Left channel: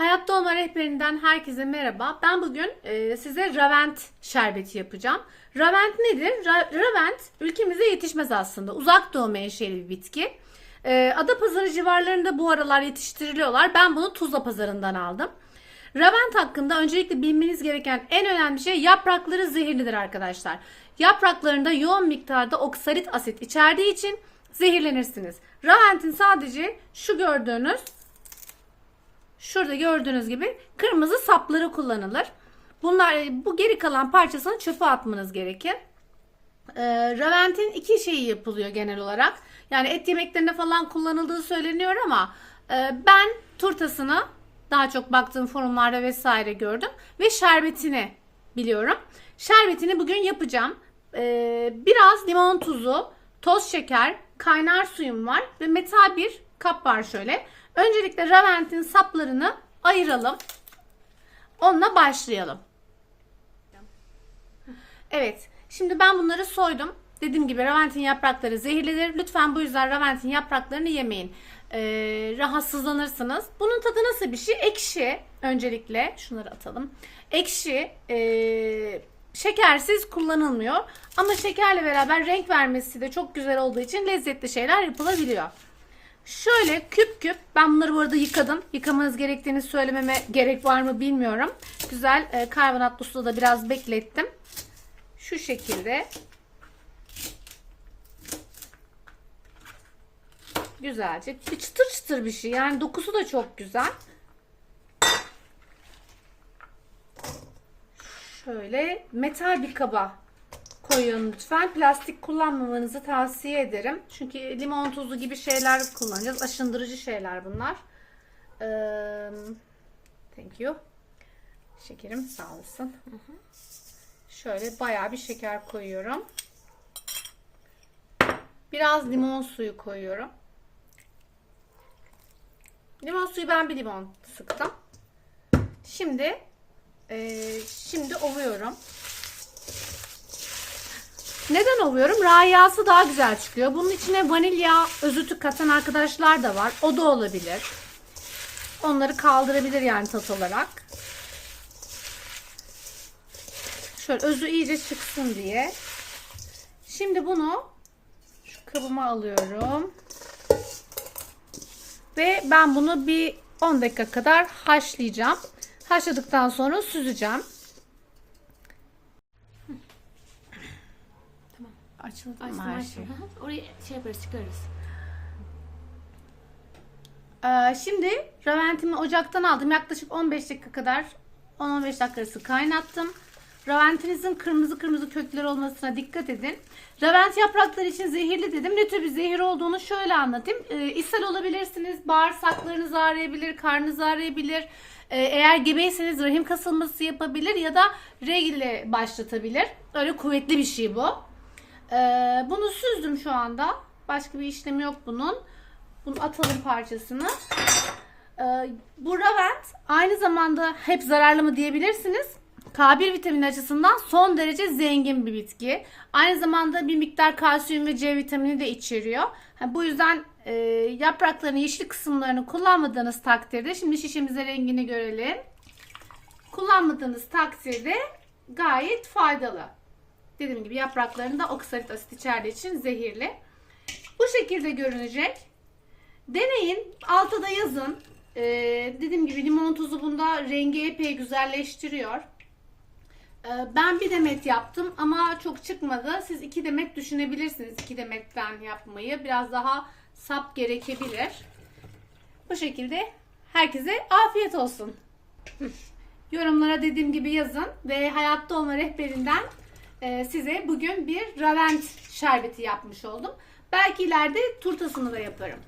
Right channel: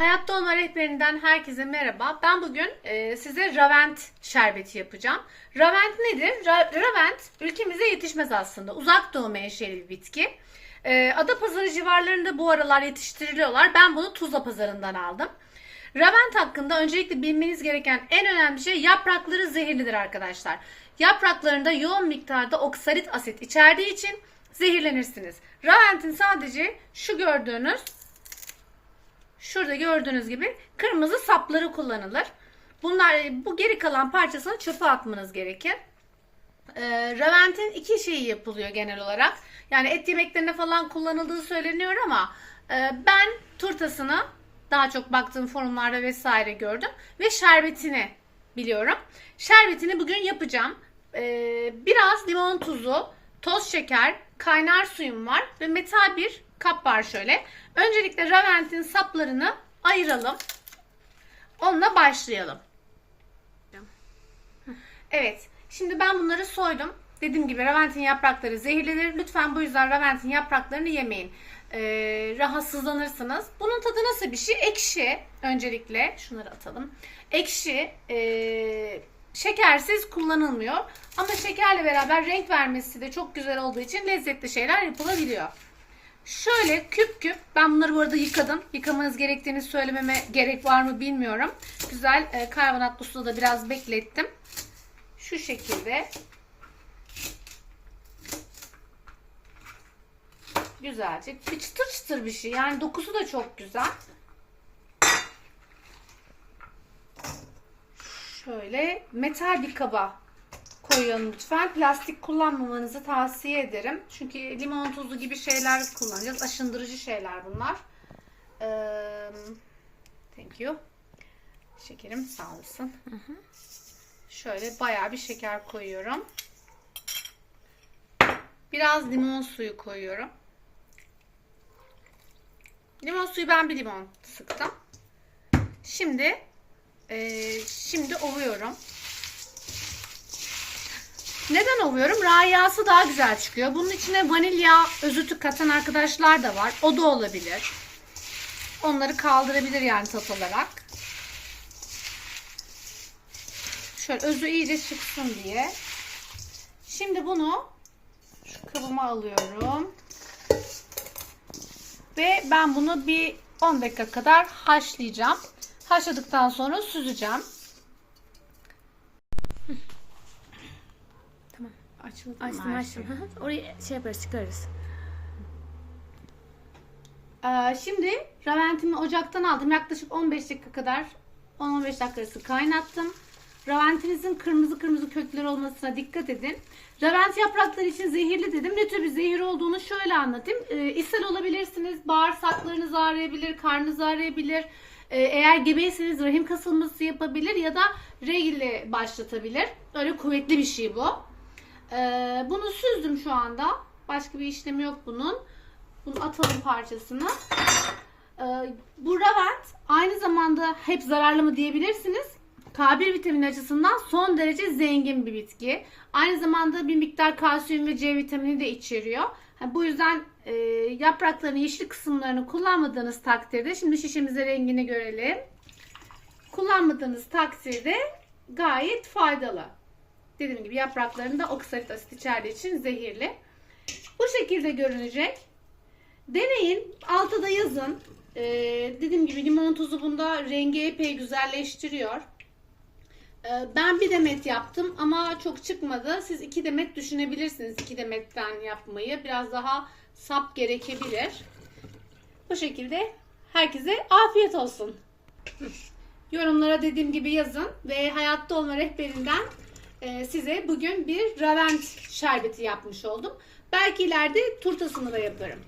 Hayatta Olma Rehberinden herkese merhaba. Ben bugün e, size Ravent şerbeti yapacağım. Ravent nedir? Ra- Ravent ülkemize yetişmez aslında. Uzak doğu menşeli bir bitki. E, Adapazarı civarlarında bu aralar yetiştiriliyorlar. Ben bunu Tuzla pazarından aldım. Ravent hakkında öncelikle bilmeniz gereken en önemli şey yaprakları zehirlidir arkadaşlar. Yapraklarında yoğun miktarda oksalit asit içerdiği için zehirlenirsiniz. Ravent'in sadece şu gördüğünüz Şurada gördüğünüz gibi kırmızı sapları kullanılır. Bunlar bu geri kalan parçasını çöpe atmanız gerekir. Ee, Ravent'in iki şeyi yapılıyor genel olarak. Yani et yemeklerinde falan kullanıldığı söyleniyor ama e, ben turtasını daha çok baktığım forumlarda vesaire gördüm ve şerbetini biliyorum. Şerbetini bugün yapacağım. Ee, biraz limon tuzu, toz şeker, kaynar suyum var ve metal bir kap var şöyle. Öncelikle Ravent'in saplarını ayıralım. Onunla başlayalım. Evet. Şimdi ben bunları soydum. Dediğim gibi Ravent'in yaprakları zehirlidir. Lütfen bu yüzden Ravent'in yapraklarını yemeyin. Ee, rahatsızlanırsınız. Bunun tadı nasıl bir şey? Ekşi. Öncelikle şunları atalım. Ekşi. ee, şekersiz kullanılmıyor. Ama şekerle beraber renk vermesi de çok güzel olduğu için lezzetli şeyler yapılabiliyor. Şöyle küp küp ben bunları bu arada yıkadım. Yıkamanız gerektiğini söylememe gerek var mı bilmiyorum. Güzel e, karbonatlı suda da biraz beklettim. Şu şekilde güzelce çıtır çıtır bir şey. Yani dokusu da çok güzel. Şöyle metal bir kaba koyun lütfen. Plastik kullanmamanızı tavsiye ederim. Çünkü limon tuzu gibi şeyler kullanacağız. Aşındırıcı şeyler bunlar. Ee, thank you. Şekerim sağ olsun. Şöyle bayağı bir şeker koyuyorum. Biraz limon suyu koyuyorum. Limon suyu ben bir limon sıktım. Şimdi e, şimdi ovuyorum. Neden ovuyorum? Rayası daha güzel çıkıyor. Bunun içine vanilya özütü katan arkadaşlar da var. O da olabilir. Onları kaldırabilir yani tat olarak. Şöyle özü iyice çıksın diye. Şimdi bunu şu kabıma alıyorum. Ve ben bunu bir 10 dakika kadar haşlayacağım. Haşladıktan sonra süzeceğim. Açıldı mı Açtım açtım. şey? Şey yaparız çıkarız. Ee, şimdi raventimi ocaktan aldım. Yaklaşık 15 dakika kadar 10-15 dakika arası kaynattım. Raventinizin kırmızı kırmızı kökleri olmasına dikkat edin. Ravent yaprakları için zehirli dedim. Ne tür bir zehir olduğunu şöyle anlatayım. Ee, ishal olabilirsiniz. Bağırsaklarınız ağrıyabilir, karnınız ağrıyabilir. Ee, eğer gebeyseniz rahim kasılması yapabilir ya da regille başlatabilir. Öyle kuvvetli bir şey bu. Ee, bunu süzdüm şu anda. Başka bir işlemi yok bunun. Bunu atalım parçasını. Ee, bu Ravent aynı zamanda hep zararlı mı diyebilirsiniz. K1 vitamini açısından son derece zengin bir bitki. Aynı zamanda bir miktar kalsiyum ve C vitamini de içeriyor. Ha, bu yüzden e, yapraklarının yeşil kısımlarını kullanmadığınız takdirde şimdi şişemize rengini görelim. Kullanmadığınız takdirde gayet faydalı. Dediğim gibi yapraklarında oksalit asit içerdiği için zehirli. Bu şekilde görünecek. Deneyin. Altta da yazın. Ee, dediğim gibi limon tuzu bunda rengi epey güzelleştiriyor. Ee, ben bir demet yaptım ama çok çıkmadı. Siz iki demet düşünebilirsiniz. iki demetten yapmayı. Biraz daha sap gerekebilir. Bu şekilde herkese afiyet olsun. Yorumlara dediğim gibi yazın ve hayatta olma rehberinden size bugün bir Ravent şerbeti yapmış oldum. Belki ileride turtasını da yaparım.